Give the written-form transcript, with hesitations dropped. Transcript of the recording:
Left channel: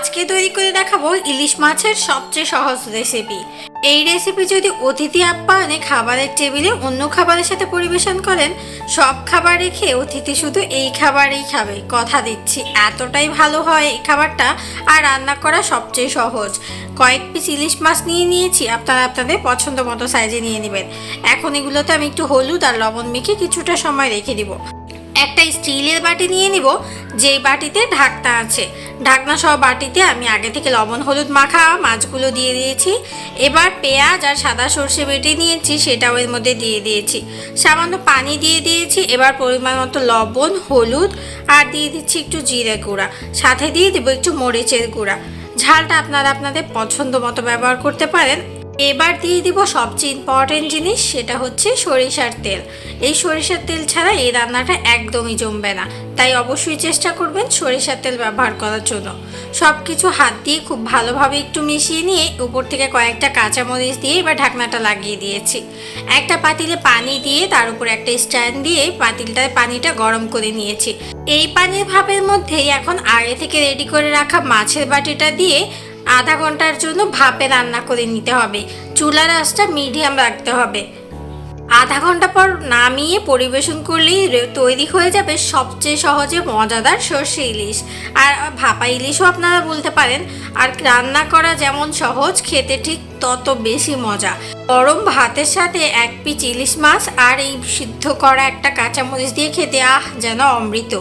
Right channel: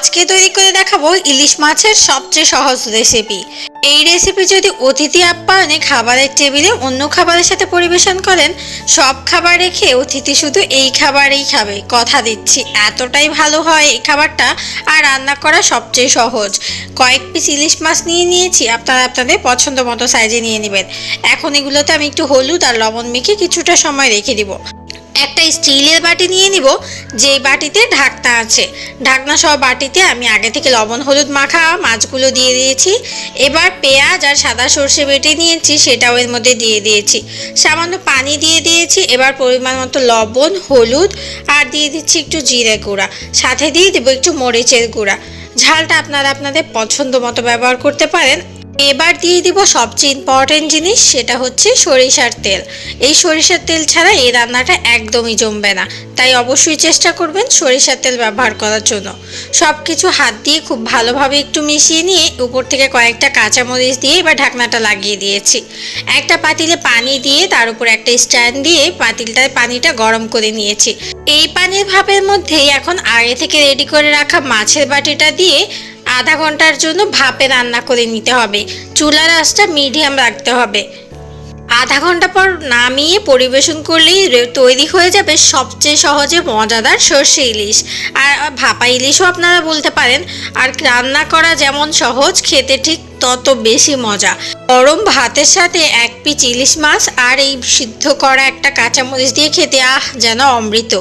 আজকে তৈরি করে দেখাবো ইলিশ মাছের সবচেয়ে সহজ রেসিপি। এই রেসিপি যদি অতিথি আপ্যায়নে খাবারের টেবিলে অন্য খাবারের সাথে পরিবেশন করেন, সব খাবার রেখে অতিথি শুধু এই খাবারই খাবে, কথা দিচ্ছি। এতটাই ভালো হয় এই খাবারটা, আর রান্না করা সবচেয়ে সহজ। কয়েক পিস ইলিশ মাছ নিয়ে নিয়েছি, আপনারা আপনাদের পছন্দ মতো সাইজে নিয়ে নেবেন। এখন এগুলোতে আমি একটু হলুদ আর লবণ মেখে কিছুটা সময় রেখে দিব। একটা স্টিলের বাটি নিয়ে নিব, যেই বাটিতে ঢাকনা আছে। ঢাকনা সহ বাটিতে আমি আগে থেকে লবণ হলুদ মাখা মাছগুলো দিয়ে দিয়েছি। এবার পেঁয়াজ আর সাদা সর্ষে বেটে নিয়েছি, সেটাও এর মধ্যে দিয়ে দিয়েছি। সামান্য পানি দিয়ে দিয়েছি। এবার পরিমাণ মতো লবণ, হলুদ আর দিয়ে দিচ্ছি একটু জিরে গুঁড়া, সাথে দিয়ে দেবো একটু মরিচের গুঁড়া। ঝালটা আপনারা আপনাদের পছন্দ মতো ব্যবহার করতে পারেন। এবার দিয়ে দিব সবচেয়ে ইম্পর্টেন্ট জিনিস, সেটা হচ্ছে সরিষার তেল। এই সরিষার তেল ছাড়া এই রান্নাটা একদমই জমবে না, তাই অবশ্যই চেষ্টা করবেন সরিষার তেল ব্যবহার করার জন্য। সব কিছু হাত দিয়ে খুব ভালোভাবে একটু মিশিয়ে নিয়ে উপর থেকে কয়েকটা কাঁচামরিচ দিয়ে এবার ঢাকনাটা লাগিয়ে দিয়েছি। একটা পাতিলে পানি দিয়ে তার উপর একটা স্ট্যান্ড দিয়ে পাতিলটায় পানিটা গরম করে নিয়েছি। এই পানির ভাপের মধ্যেই এখন আগে থেকে রেডি করে রাখা মাছের বাটিটা দিয়ে আধা ঘন্টার জন্য ভাপে রান্না করে নিতে হবে। চুলার আঁচটা মিডিয়াম রাখতে হবে। আধা ঘন্টা পর নামিয়ে পরিবেশন করলেই তৈরি হয়ে যাবে সবচেয়ে সহজে মজাদার সর্ষে ইলিশ। আর ভাপা ইলিশও আপনারা বলতে পারেন। আর রান্না করা যেমন সহজ, খেতে ঠিক তত বেশি মজা। গরম ভাতের সাথে এক পিস ইলিশ মাছ আর এই সিদ্ধ করা একটা কাঁচামরিচ দিয়ে খেতে যেন অমৃত।